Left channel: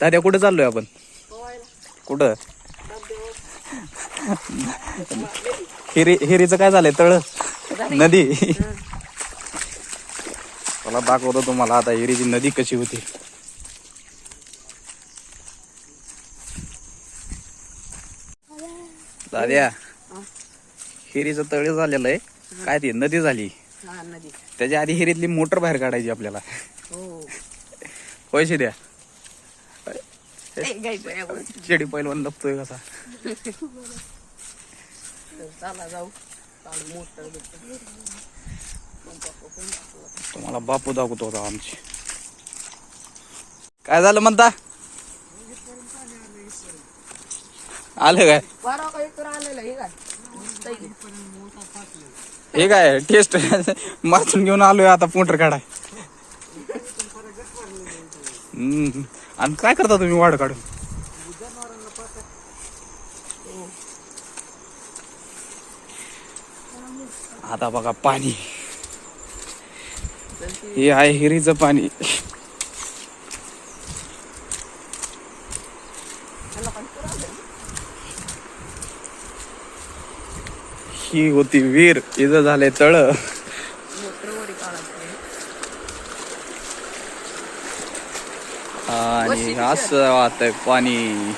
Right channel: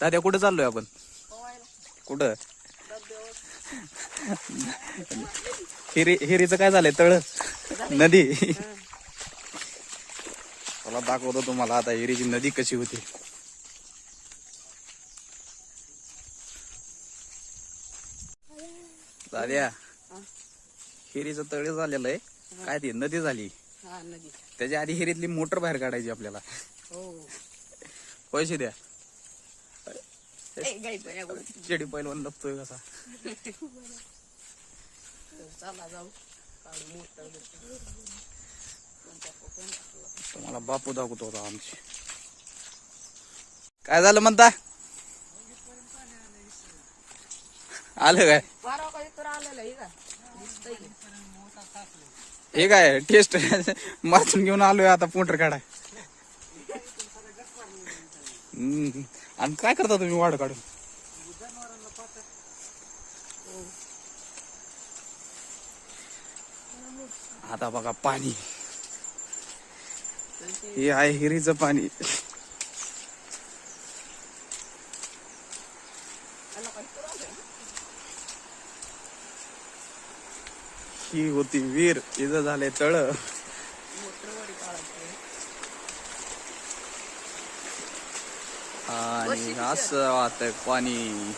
दाद्या कुठं चाललोय आपण? कुठं? हिरीचं काय झालंय? तळ नदी. मला दाखवतो तुम्हाला आता हिरीची नदी कशी होती. दाद्या, हिरीचं तळ झालेलं आहे. काय ते नदी झाली. त्याच्या आधी हिरीतली मोटर बाहेर काढायची आपल्याला. पैसे द्या. चेडी पहिलवान लपतोय कसा. चला जाऊ. तुम्हाला बापू दाखवतो होता आमची. काय झालं म्हणता? आलं काय? हे काय टेस्ट मारून घेऊन आलोय आता मोटर काढाय. आणि काय करता तुम्ही वाढ काढून? आता बघा पाणी. हे आहे हिरीचं पाणी. ही होती विहीर, इथं झाले तळ. आणि असं वाहतंय पाणी.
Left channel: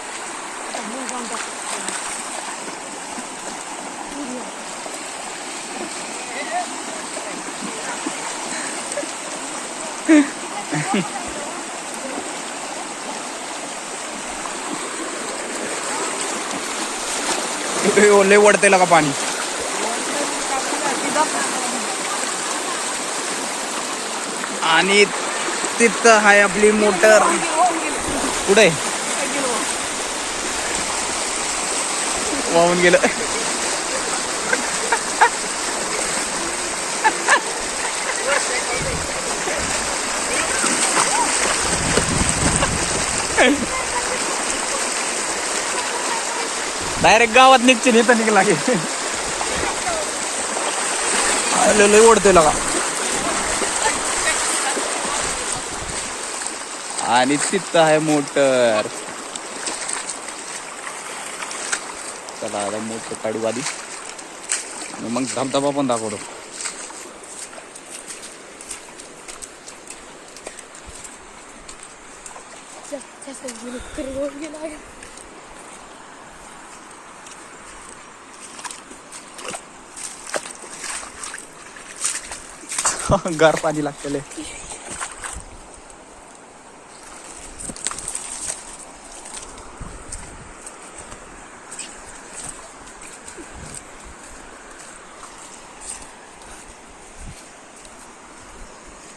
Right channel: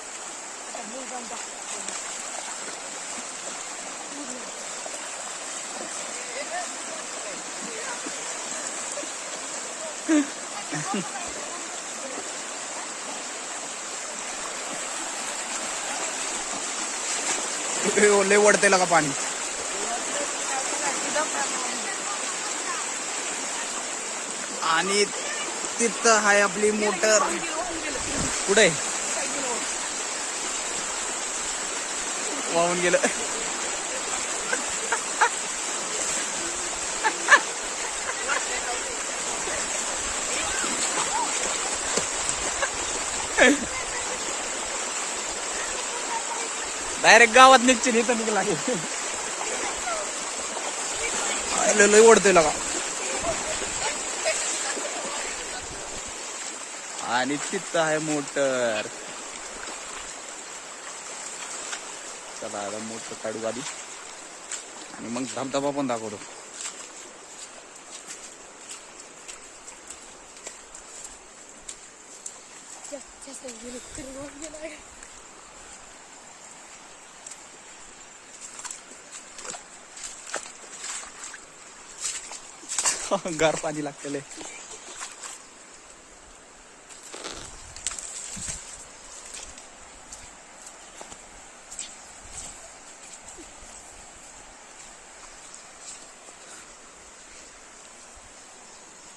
लय वडते का पाणी. आणि तिथं आहे आपली मोटर. कुठे वाहून गेलं. डायरेक्ट गावात निघतील. इथं निघला की लय ओढतोय लगा. आणि तिथं आहे मोटर. चला आता मोटर काढू आधी आणि मग धबधबा पण दाखवतो. गार पाणी लागतले.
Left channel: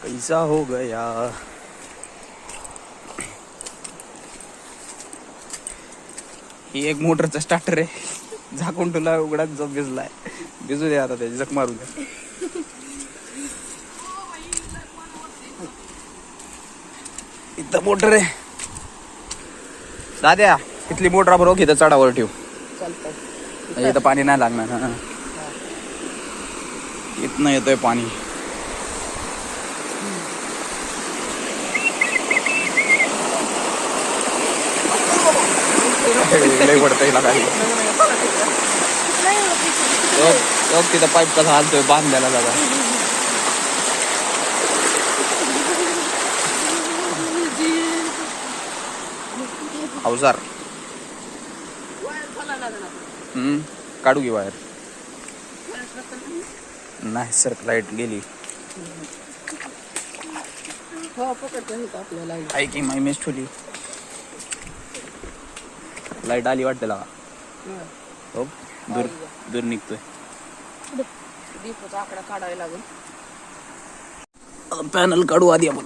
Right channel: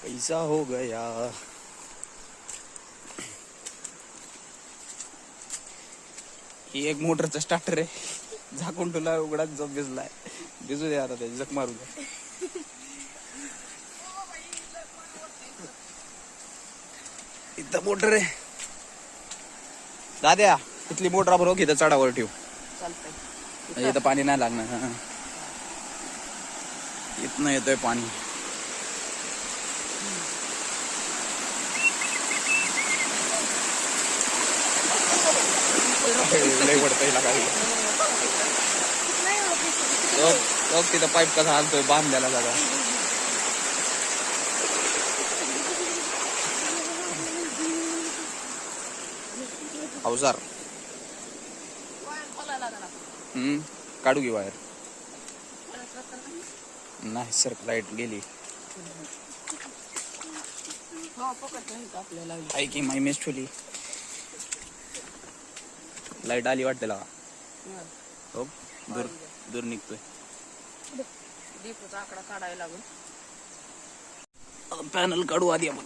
कैसा हो गया. ही एक मोटरचा स्टार्टर आहे. झाकून तुला उघडाच जो भिजलाय. भिजू दे आता, त्याची जख मारू द्या. इथं मोटर आहे. दाद्या, इथली मोटर बरोबर इथं चढावर ठेव. इथं पाणी नाही लागणार. इथनं येतोय पाणी. लय पडतंय काही. तिथं पाईप कसा हालतोय बांधलेला दादा. अवजार काढू घे बाहेर. नाही सर लाईट गेली. आहे की माय मेस ठेवली. लाईट आली वाटते लागा. हो दूर दूर निघतोय. आकडा काढायला लागून पॅनल काढू आधी आपण.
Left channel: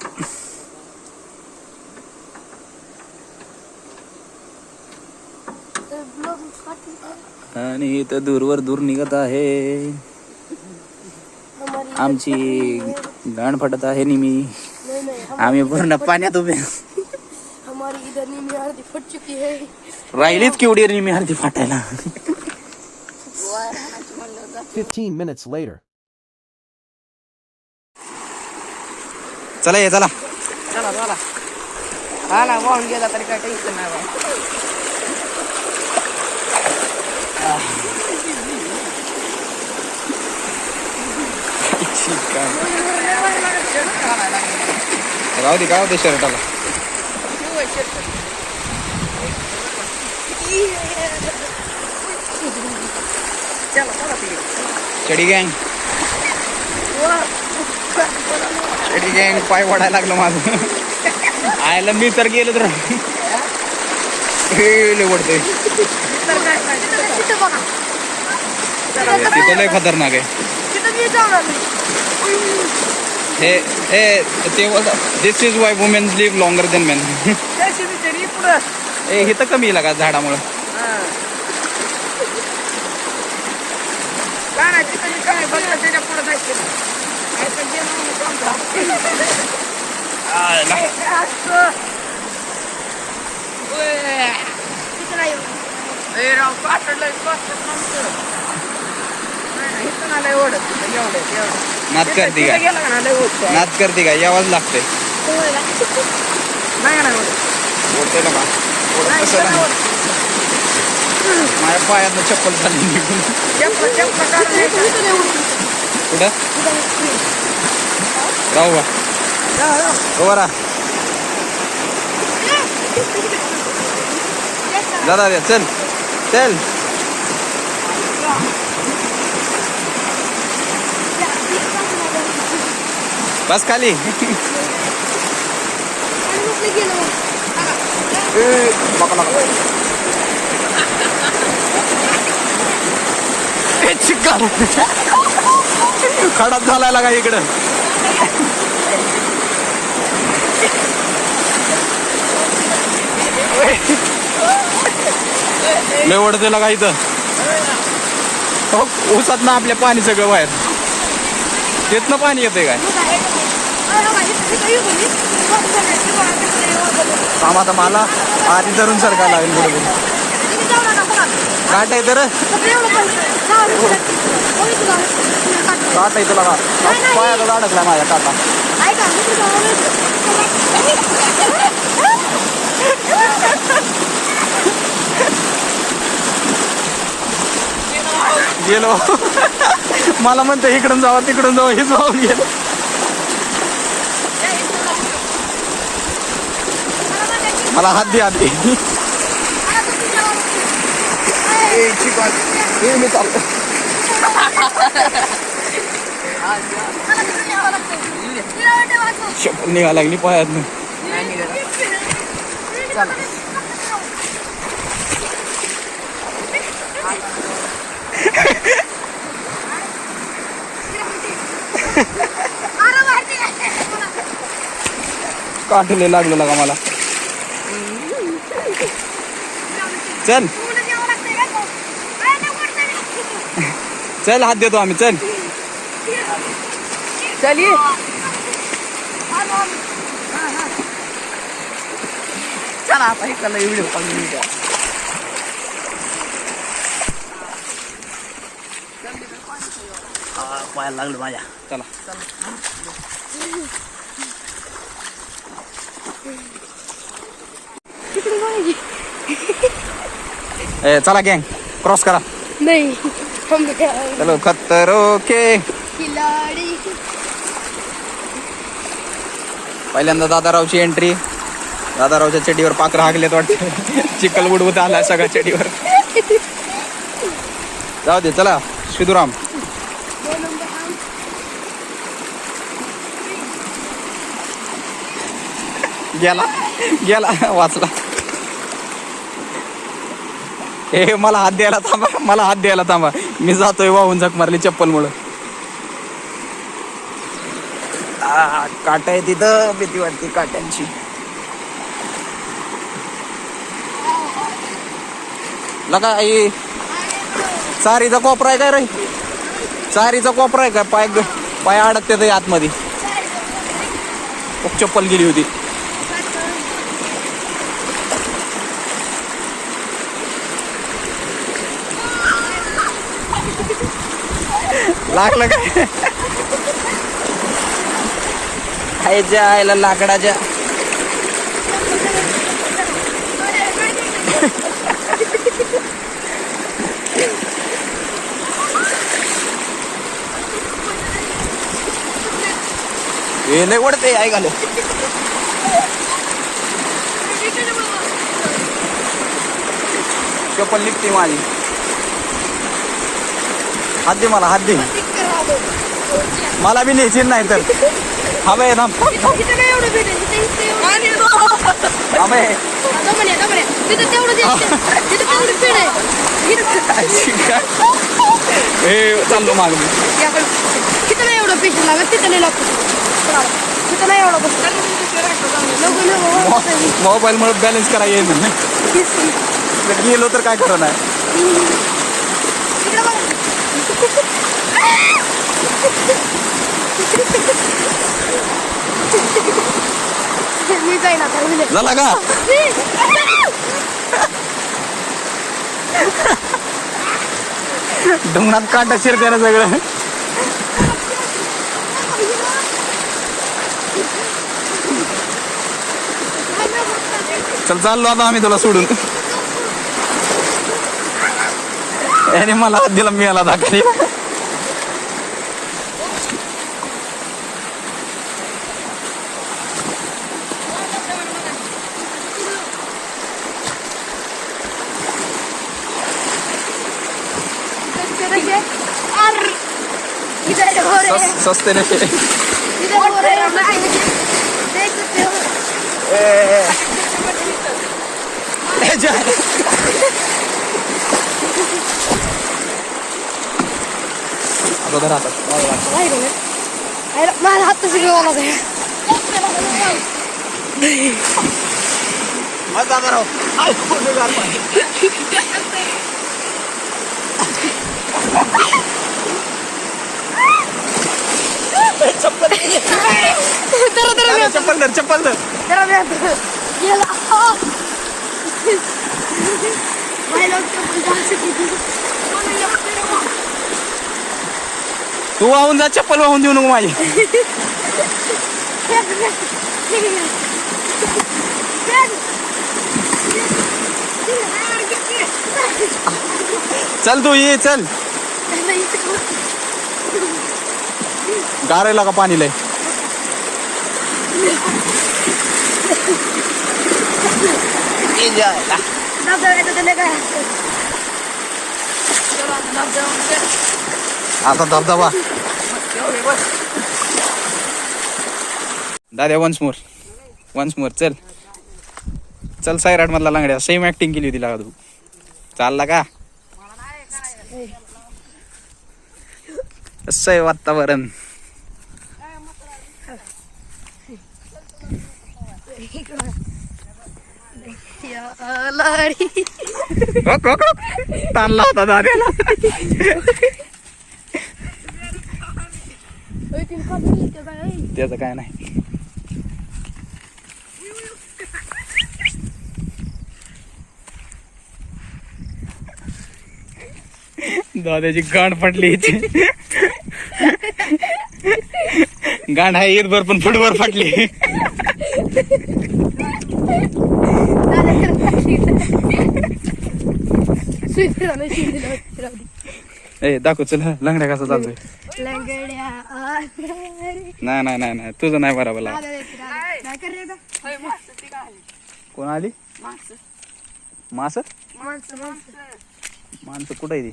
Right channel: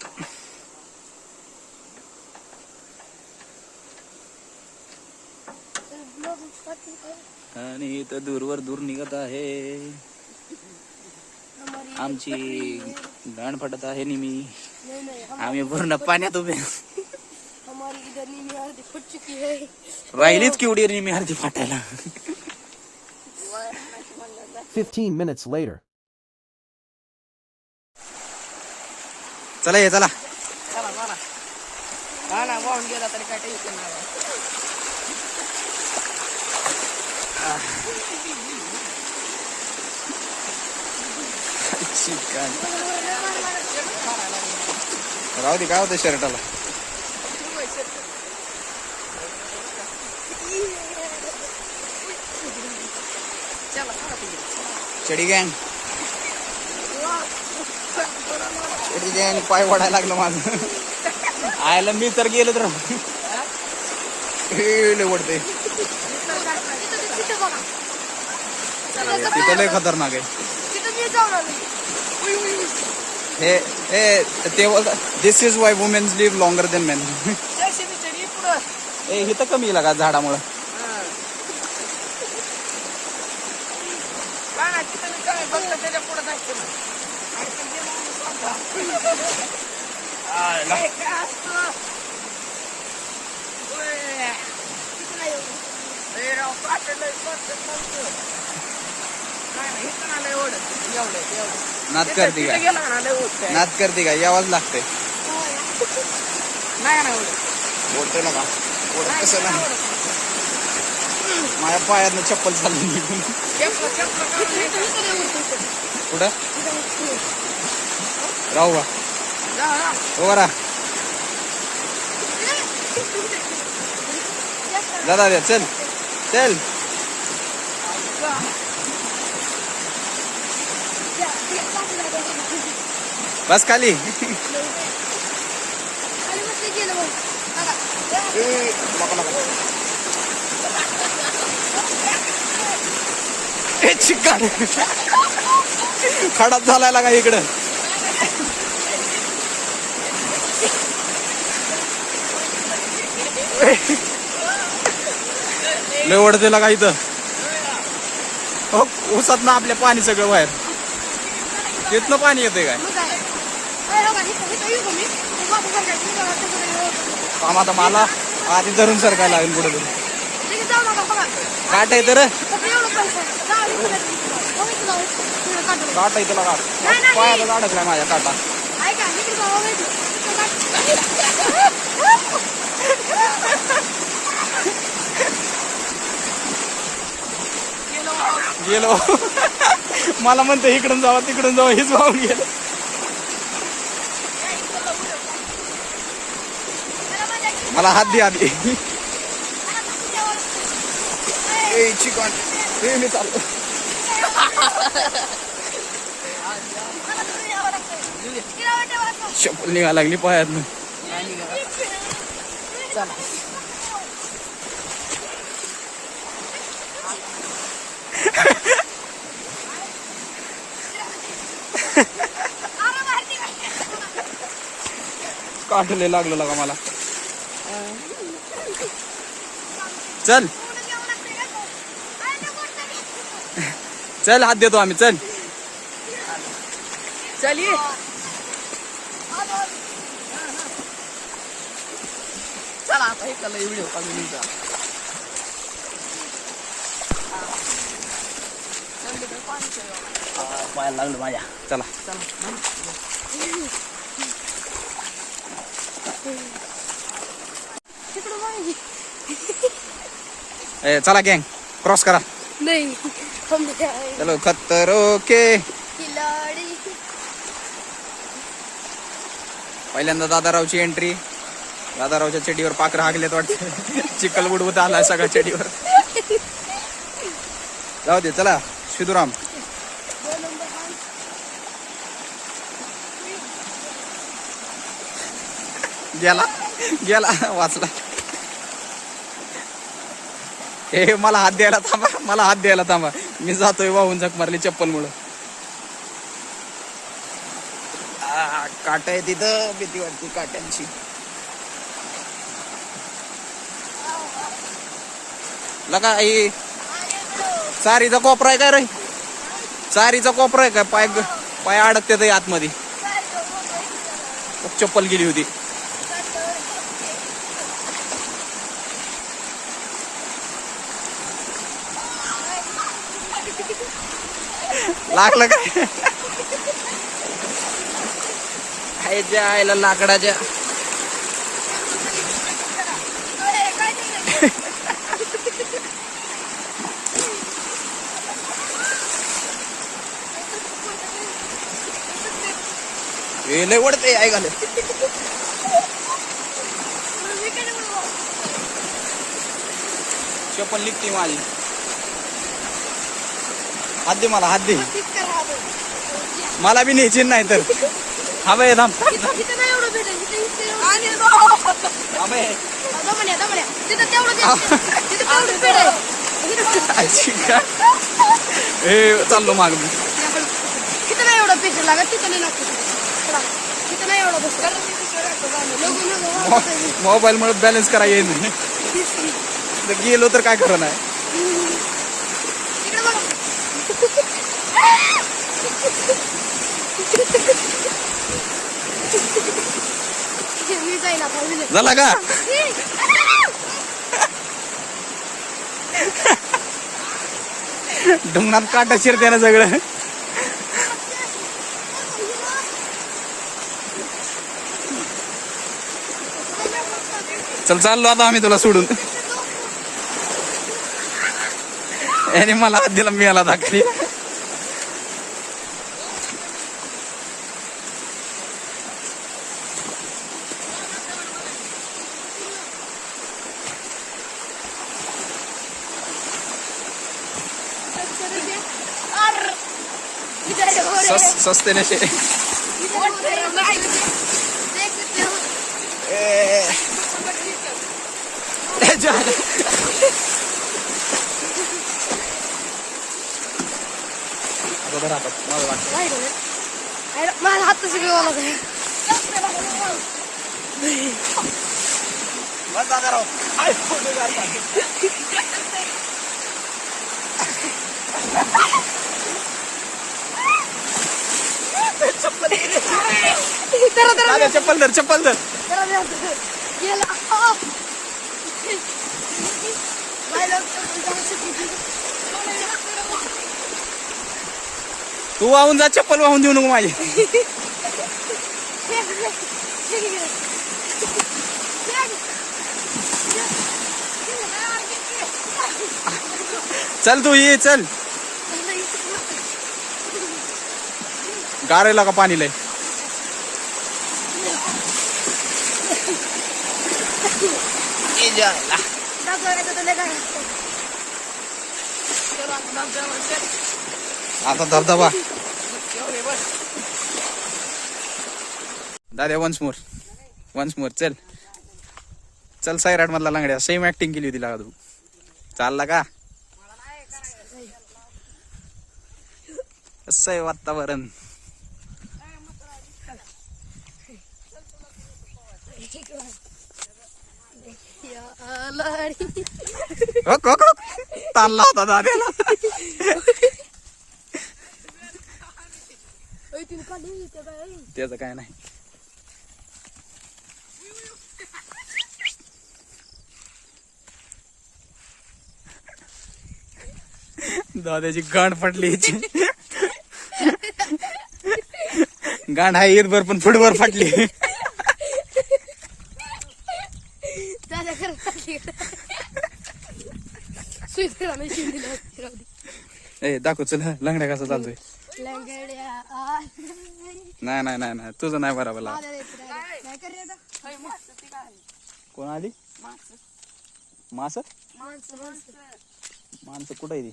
आणि इथं दूरवर दूर निघत आहे. आमची गाण फटत आहे निमी. आम्ही पूर्ण पाण्यात उभे. राहिलीच केवढी निमी अर्धी फाटायला. 15 minutes later. चला ये चला. चला चला हा ना वाहून गेला तरी काय टेन्शन नाही बा. राहू दे काय होते शर्टाला. चला चला तिकडे चडी गँग चडी गँग पाय वडायला लागलं माझं. आयला मी तर गेलो तर वडते. तिथं लय खतरनाक आहे हे. ते this is why womens live longer than men. ए हे तर कमी येईल का झाडामुळं. काय बघ त्याच्या पुढे जायचं राव काटलंय नाही ओढत एवढे नाच करते काय गेला ना लय ओढत नाच करते काय यावाच लागतंय. नाही ओढते ना का कसं नाही. माझ्या पायातनं चप्पल चालली निघून. कुठं राहू का बरा दादा रे चल चल. बस खाली. चिकन खडात झालाय का इकडं. लय ओढते का इथं. हो ऊसात ना आपल्या पाणी सगळं बाहेर. तिथनं पाणी येतंय काय काम. आता मला आधी धरून सरका लागेल पुढे काट आहे तर काट आहे तुला का पायातच अडकला माझ्या काटा. गेलो मला म्हणते इकडून जावा तिकडून जावा हेच वाहून गेलं. मला हात दे हात दे. चप्पल निघायला लागली पायात. काठले लागलं लागा मला. चल चल हात देतो आम्ही. चल चलिए चला आता इकडला व्हिडिओ काढून घ्या. पायाला लागलं माझ्या. चला ए चला गँग क्रॉस करा. नहीं हम चलो खतरो के खिलाड़ी. पहिल्यांदा दादारावची एंट्री. दादारावच्या चेडीवर पाकर हागलेत वाटते. चिखल बुडवत आला सगळ्या चेडीवर. जाऊ दे चला शिदुराम. गेला गेला वाचला. ए मला हात द्यायला थांबा मला हात द्यायला थांबा. मी जातोय वाहून झक मारली चप्पल मुळे. काटा आहे तिथं भीती वाटते काट्यांची. लगा आई चारीचा कोपरा आहे काय रे. चारीचा कोपरा आहे का पाय पाय अडकते आतमध्ये. चप्पल गेली होती. लागलं का खायच्या आईला लाकडाच्या हे लय ओढते आई घाल चप्पल निघते माझी हात दे मला हात दे मला बी न्यायची नाही तर हा बाय थांब हे चाललो माग मी तिथं नाही एवढं पेट लागत तिथं नाही लागत तिथं नाही एवढं बसत मोबाईल मुळे बॅलन्स करा येईल गेलो तर काय करू नाही मी जाईना झाला का ढोंगणात काटा शिरते ना सगळं चल चाललो आता आम्ही तुला सोडून आणि मला हात दिला मी याला दाखली सस्ते नशे आता राहतात माझा हात तशी मला चप्पल धर चप्पल धर तू वाहून जा चप्पल वाहून देऊ नको माझी चल तू ये चल गारेला का पाणी लय आता धबधबा दादा वन्स मोर चल चल सायराट मधला लांगड्या सेम ऍक्टिंग केली होती लागा तू चालला का असं आहे वातावरण ताणला होता दाद्याला त्याचं काय नाही दादाची गांड पडली याची गांड आहे ईदभर पण फुटभर फाटली ए दाखव चल लंगड्या कसा चालतोय नाही तुझं नाही बरोबर कोण आली मास माणसं कुठं आहे ती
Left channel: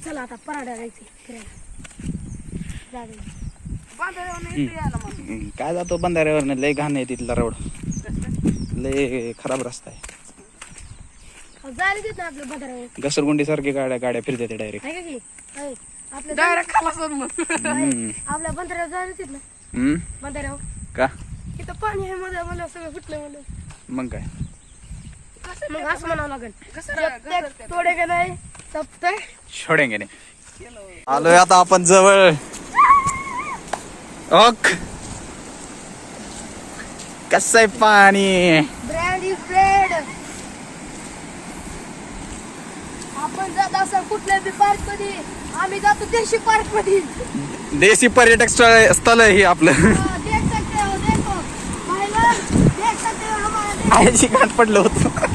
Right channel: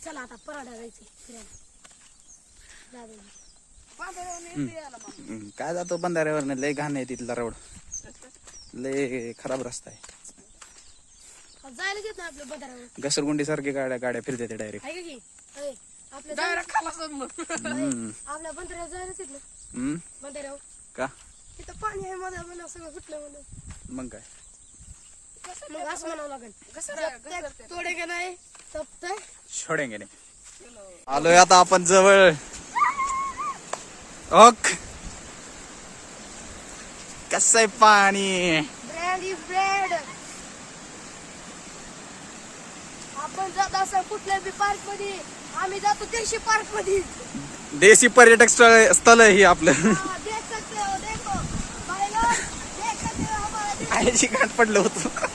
चला आता पराठा जायचं काय जातो बंधाऱ्यावर लय घाण आहे तिथला रोड लय खराब रस्ता आहे जायला देत ना आपल्या बंधाऱ्यावर घसरगुंडी सारखी गाड्या फिरते डायरेक्ट आपल्या बंधाऱ्यावर जायला देत ना बंधाऱ्यावर का इथं पाणी आहे मध्ये मला सगळं फुटलं मला मग काय मग असं म्हणावं लागेल तोडे का नाही तब तक छोडेंगे नाही आलोय आता आपण जवळ ओक कसं आहे पाणी माय फ्रेंड आपण जात असं कुठल्या बी पार्क मध्ये आम्ही जातो देशी पार्क मध्ये देशी पर्यटक स्थळ आहे हे आपलं देख सकते हो देखो महिला देख सकते हो हमारा आईची गाठ पडलं होतं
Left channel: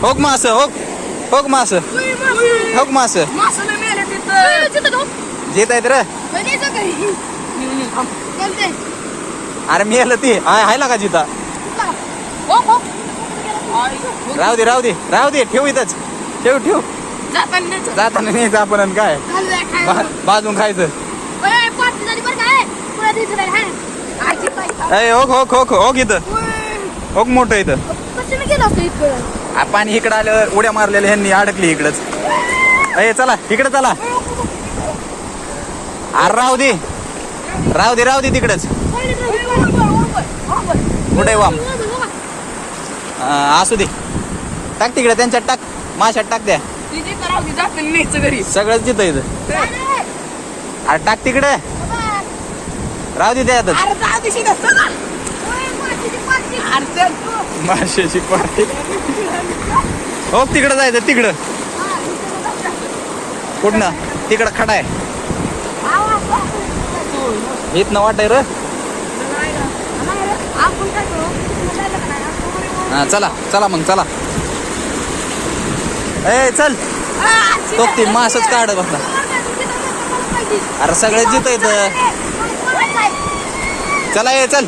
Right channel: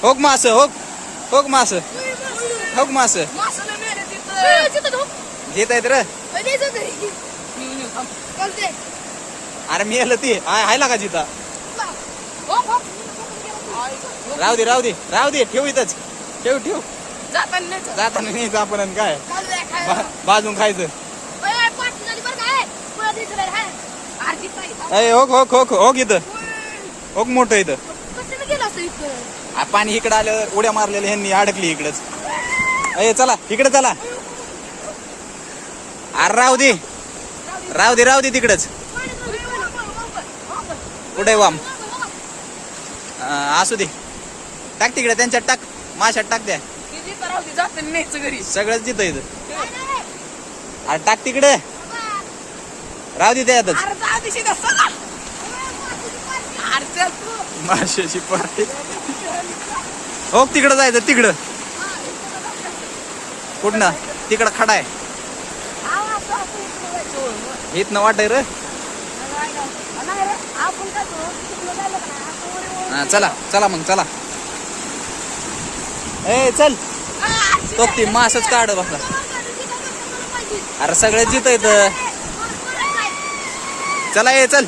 होक मास होक मास होक मास जेत आहेत रे अरे मी आलं ती हाय लागा जिता राहू दे ठेव इथंच ठेव जाताना न्यायचं आपण आणि काय बाजून खायचं होक इथं होक मोठं इथं पाणी इकडं आल्यावर उड्या मारलेल्या ह्यांनी अडकली इकडच अय चला इकडे चला अरे राहू दे तिकडच कुठे वाम असू दे टाक तिकडे त्यांच्यात टाक माशात टाक द्या सगळंच जिथं इथं अरे टाक तिकडे राहू दे त्यातच माशाची पार्टी हो तिकडं जायचं तिकडं कुठनं तिकडं खडा आहे इथनं वाटाय रो हा चला मग चला ए चल तो ती मासच काढ बसला अरे सगळं जिथं येतं चला ये चल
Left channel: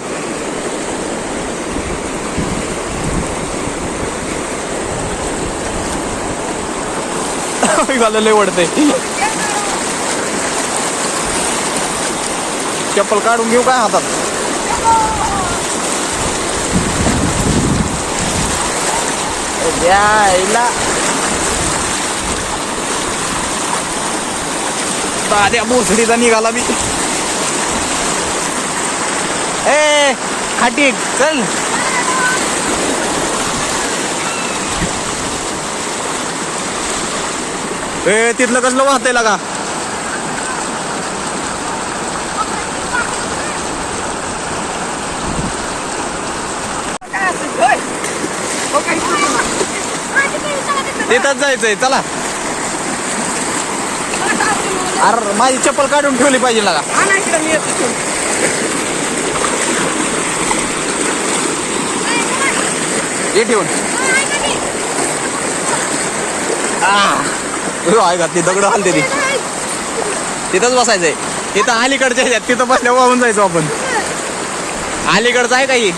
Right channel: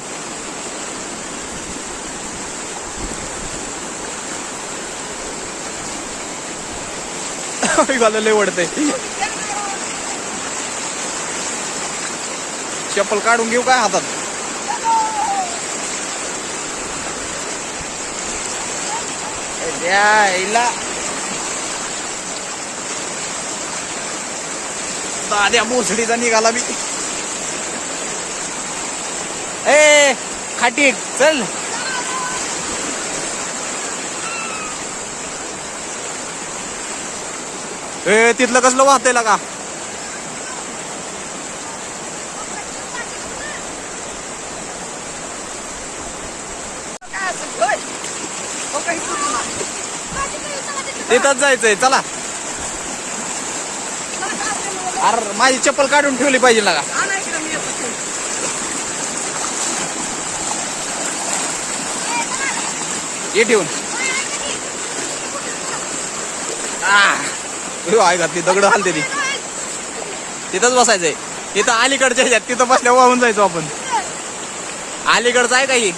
लय वडतंय चप्पल काढून घेऊ काय हातात द्यायला दाद्या बोसडीचा निघाला मी ए खाटी चल ए तिथलं कसलं वाहतंय लागा तिथंच जायचंय चला अरे माझी चप्पल काढून ठेवली पाहिजे लागा हे ठेवून आहे घातली दगड हलते ती तिथंच बसायचंय तिथं अलीकडच्या ह्याच्यात तिथं बसल्या वाहून जायचो आपण अलीकडचं आहे काही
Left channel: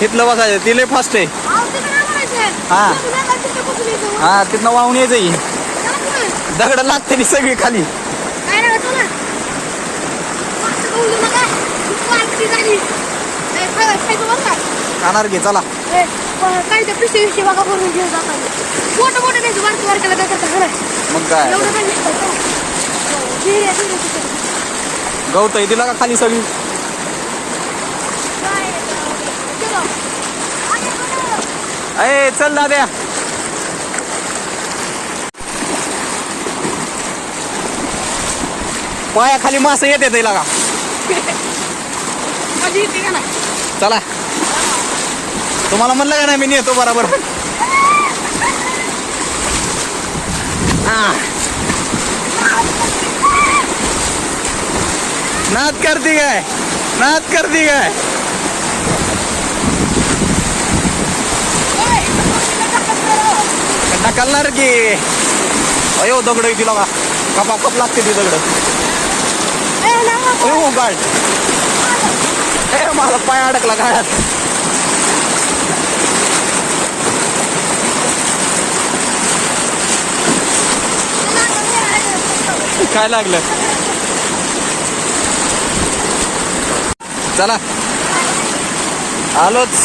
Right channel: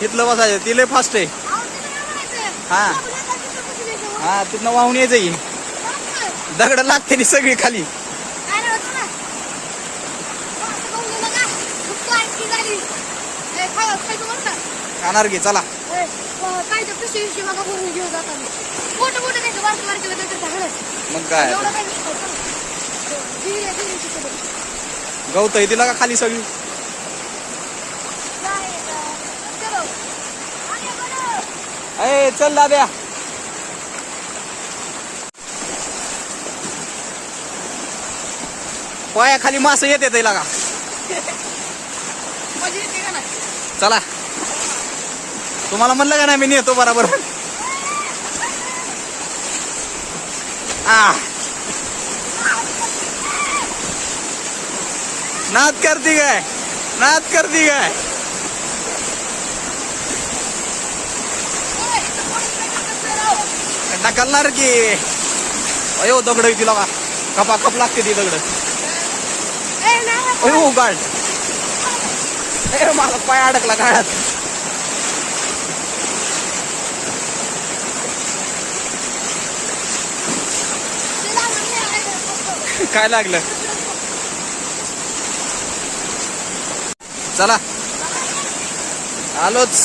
तिथलं बसायचं ती लय फास्ट आहे हा तिथनं वाहून यायचं दगड लागते ती सगळी खाली खाणार घे चला काही तर पिशवी बघा भरून घेऊन जातात मोठं त्याचं बारकेला मग काय गवत आहे तिला का खाली सगळी अय चल दाद्या पाया खाली मास येते तिला का चला तुम्हाला म्हणलं का नाही मी नेतो बरोबर नाद करती काय ढकलणार की अयो दगड तिला का कपा कप लागते ती दगड हो गाड मला पाय अडकला गाळ्यात काय लागलं चला आलोच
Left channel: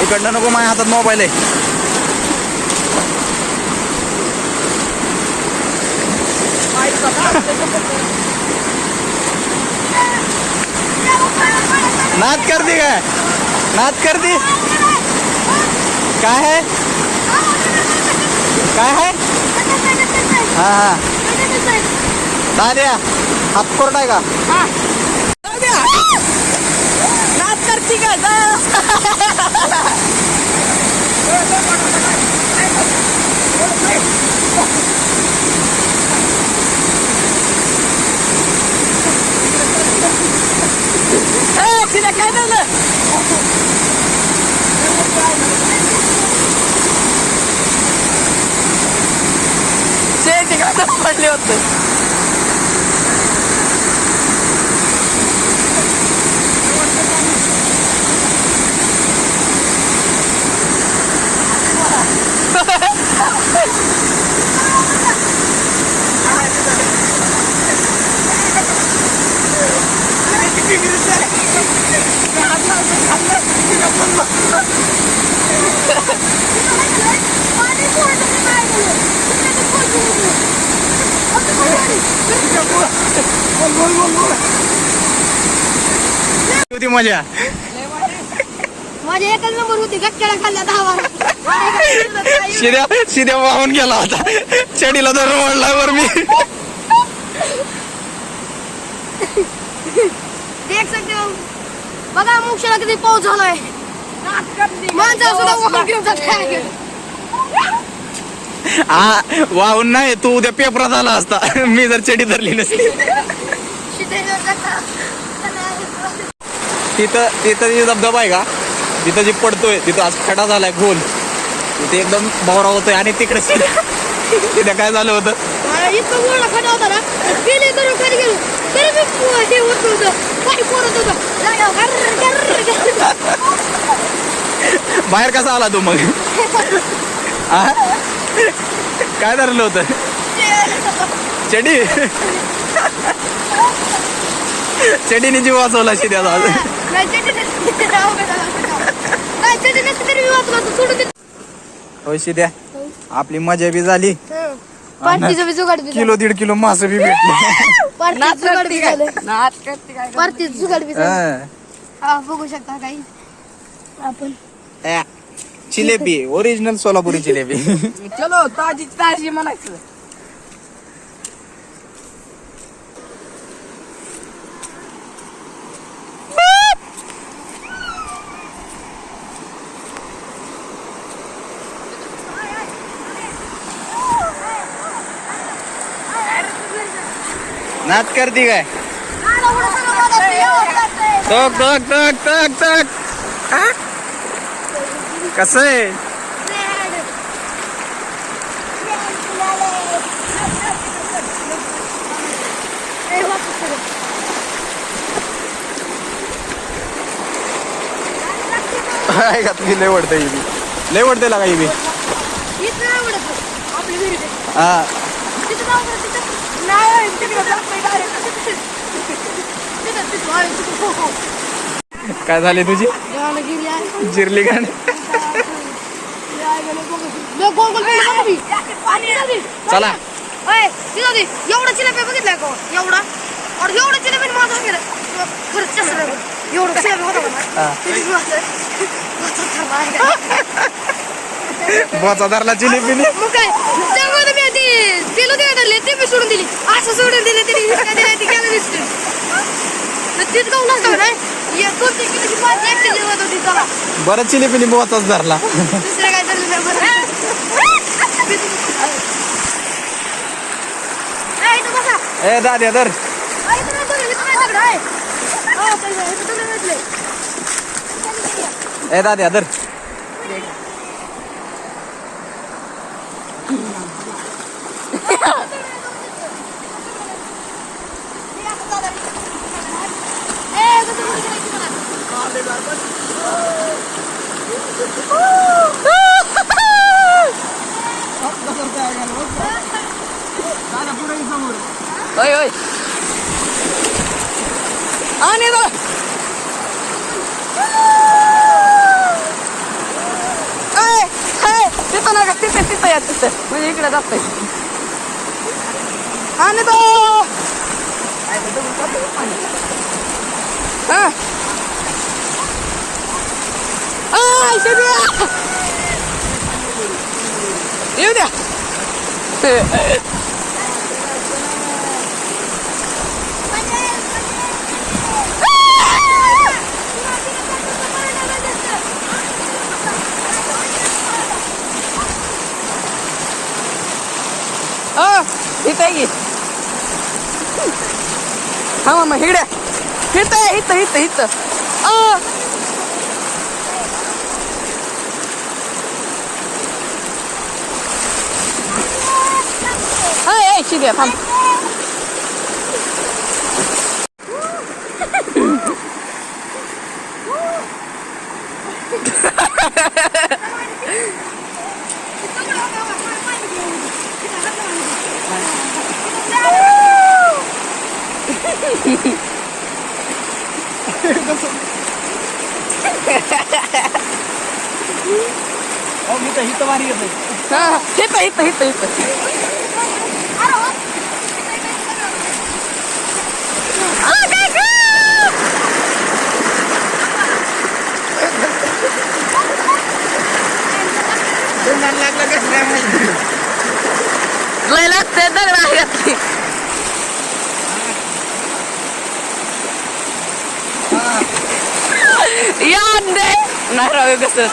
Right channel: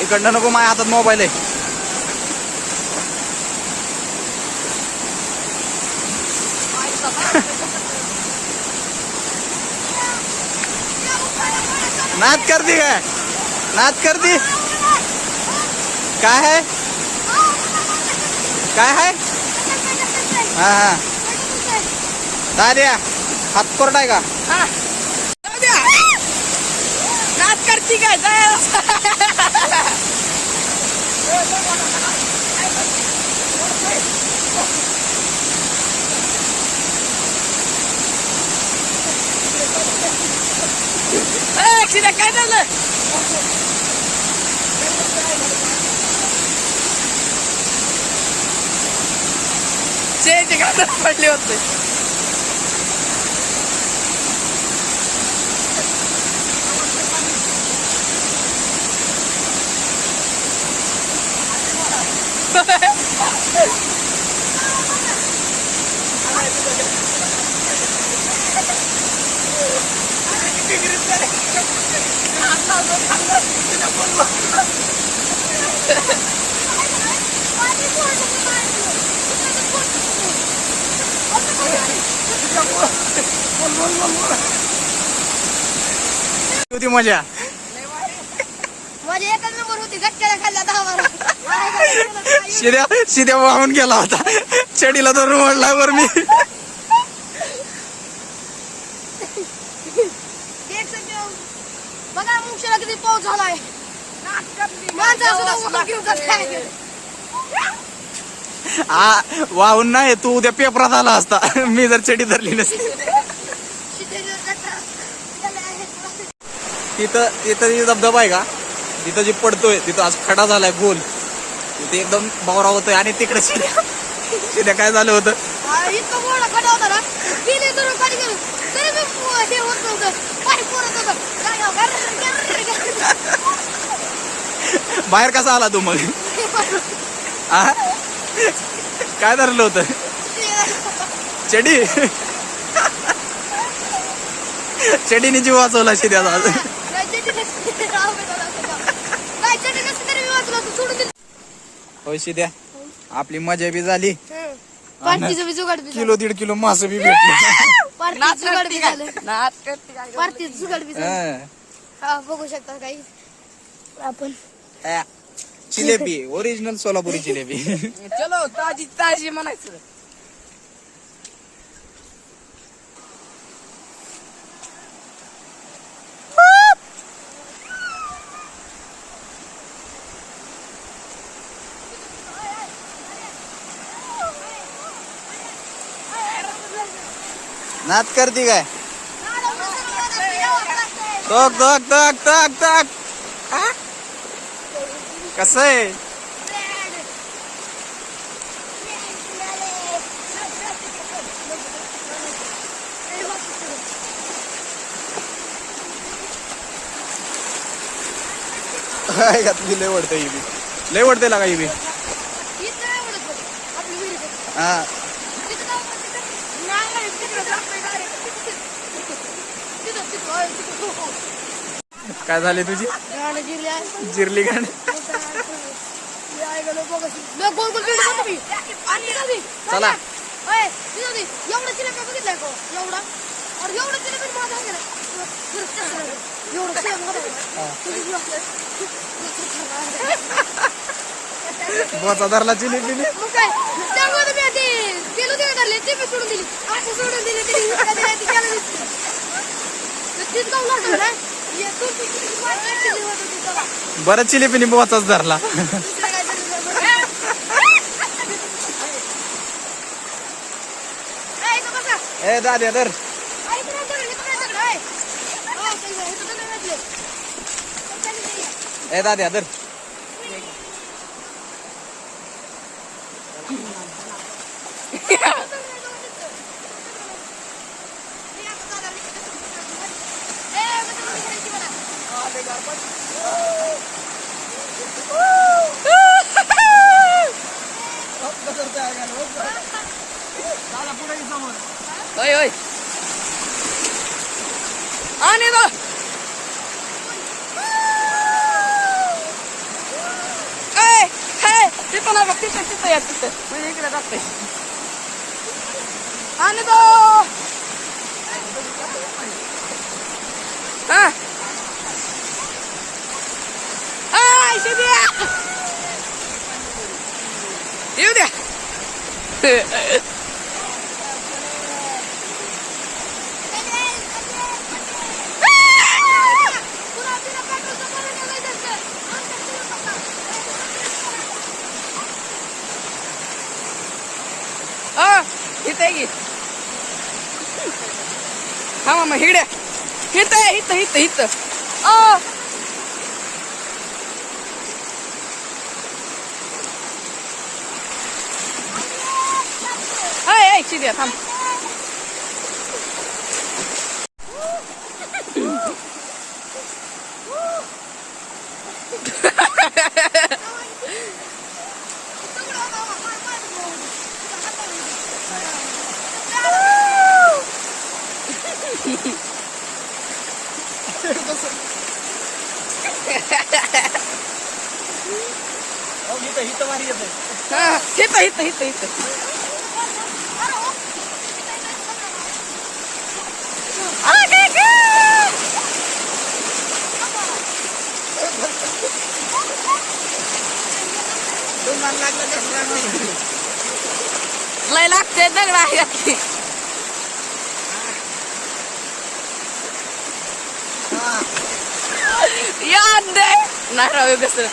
इकडनं नको माझ्या हातात मोबाईल आहे नाद करती काय है हा हा दाद्या हात कोरडा आहे का नाच करती काय तिला काय झालं पडले होते होती मजा माझ्या एकच नंबर होती गटक्याला खाल्ला 10 वारा शिद्या शिद्या वाहून गेला होता चडीला धरून ओढल्यावर मी देख सकते हो बघा मुक्षाला किती पाऊस झालाय माणसा सुद्धा वाहून घेऊन जाते हा वाहून नाही तू उद्या पेपरात आला असता मी जर चडी धरली नसती तिथं तिथं जी धबधबा आहे का तिथं जी पडतोय तिथं आज खडा झालाय गोल तिथे एकदम बावरा होतोय आणि तिकडे तिथे काय झालं होतं इतकं गोळा खडा होता ना गेले तर खाली गेलो तरी मी ते होत होतं पाय फोडत होता बाहेर कसा आला तू मग आ? काय धरलं होतं चडी चडीने जीव वाचवला शिद्याचा आज होय शिद्या आपली मजा बी झाली किलो 1.5 किलो मास बी भेटले बघू शकता काही आपण जिलेबी ओरिजिनल सोलापुरी जिलेबी चलो ताजी ताजी म्हणायचं नाच करती काय टक टक टक टक टक कसं आहे लय वडतंय ही लय वडते लागा ही हा काय झाले तुझी जिरली गाण चला एवढा चिलेबी बघितलाय का एवढा और एवढा चिलेबी माझा गेला खरंच एवढं चिलेबी होता बोचा धरला जिलेबी मग काय त्यामुळे मी आधी तेल होते धरले ते मी सोडून दिली असं सोडून दिले ती गेलं दिसते तीच गाऊन असतं ना 2-3 किलोची पाच एक्सचेंज होत होती चला बरं जिलेबीने बोचाच धरला दुसरं काय झालं नाही बरं इथं बसा ए दाद्या धर ए दाद्या धर होय होय आणि बघ तिथं ना तिथं या तिथं म्हणजे इकडे जातंय आणि तो हा येऊ द्या इथं आहे की हा मामा इकडे इथं हाय शिद्या थांब इथं मारी येत नाही. हा इथं लय लागते दगड आहे याद नाही राहू कसं